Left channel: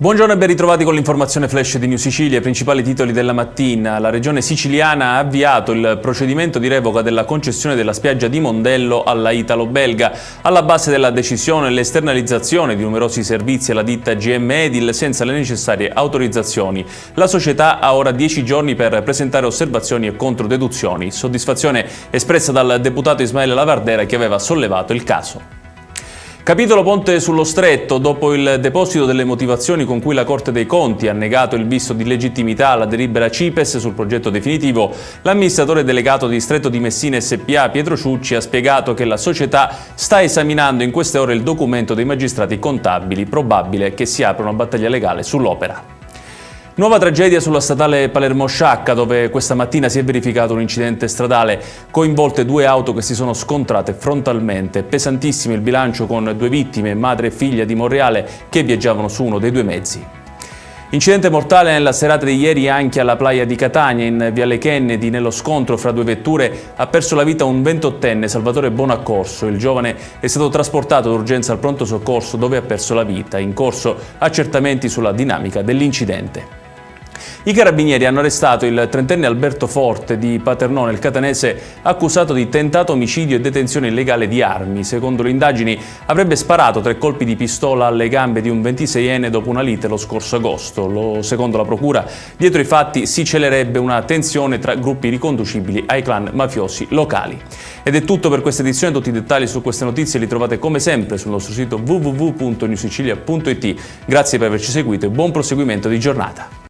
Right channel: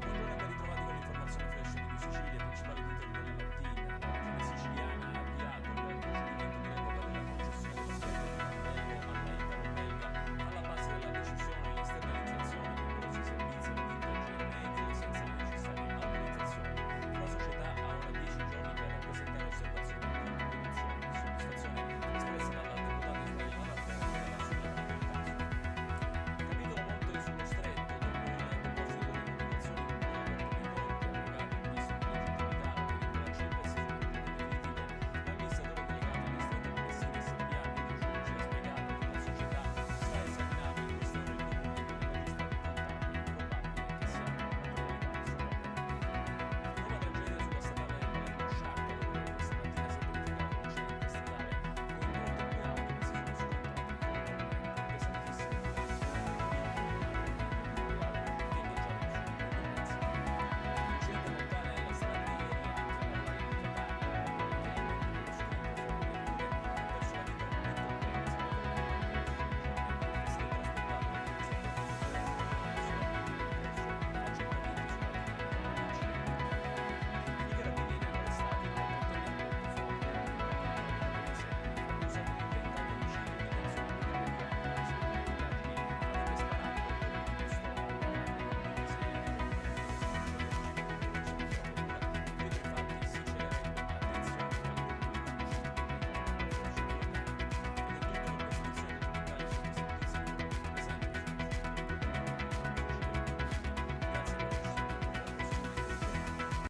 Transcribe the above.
Buongiorno e ben ritrovati con l'informazione flash di New Sicilia. I principali titoli della mattina. La regione siciliana ha avviato il procedimento di revoca della concessione della spiaggia di Mondello alla italo-belga. Alla base della decisione l'esternalizzazione di numerosi servizi alla ditta GM Edil senza le necessarie autorizzazioni. La società ha ora 10 giorni per presentare osservazioni e controdeduzioni. Soddisfazione espressa dal deputato Ismaele Lavardera che aveva sollevato il caso. Capitolo Ponte sullo Stretto. Dopo il deposito delle motivazioni con cui la Corte dei Conti ha negato il visto di legittimità alla delibera CIPES sul progetto definitivo, l'amministratore delegato di Stretto di Messina SpA Pietro Ciucci ha spiegato che la società sta esaminando in queste ore il documento dei magistrati contabili. Probabile che si apra una battaglia legale sull'opera. Nuova tragedia sulla statale Palermo-Sciacca, dove questa mattina si è verificato un incidente stradale, coinvolte 2 auto che si sono scontrate frontalmente. Pesantissimo il bilancio con 2 vittime, madre e figlia di Monreale, che viaggiavano su uno dei 2 mezzi. Incidente mortale nella serata di ieri anche alla playa di Catania, in Viale Kennedy. Nello scontro fra 2 vetture ha perso la vita un 28enne, Salvatore Bonaccorso. Il giovane è stato trasportato d'urgenza al pronto soccorso dove ha perso la vita. In corso accertamenti sulla dinamica dell'incidente. I carabinieri hanno arrestato il 30enne Alberto Forte di Paternò nel Catanese, accusato di tentato omicidio e detenzione illegale di armi. Secondo le indagini avrebbe sparato 3 colpi di pistola alle gambe di un 26enne dopo una lite lo scorso agosto. Secondo la procura, dietro i fatti si celerebbe una tensione tra gruppi riconducibili ai clan mafiosi locali. Ed è tutto per questa edizione. Tutti i dettagli su queste notizie li trovate come sempre sul nostro sito www.newsicilia.it. Grazie per averci seguito e buon proseguimento di giornata.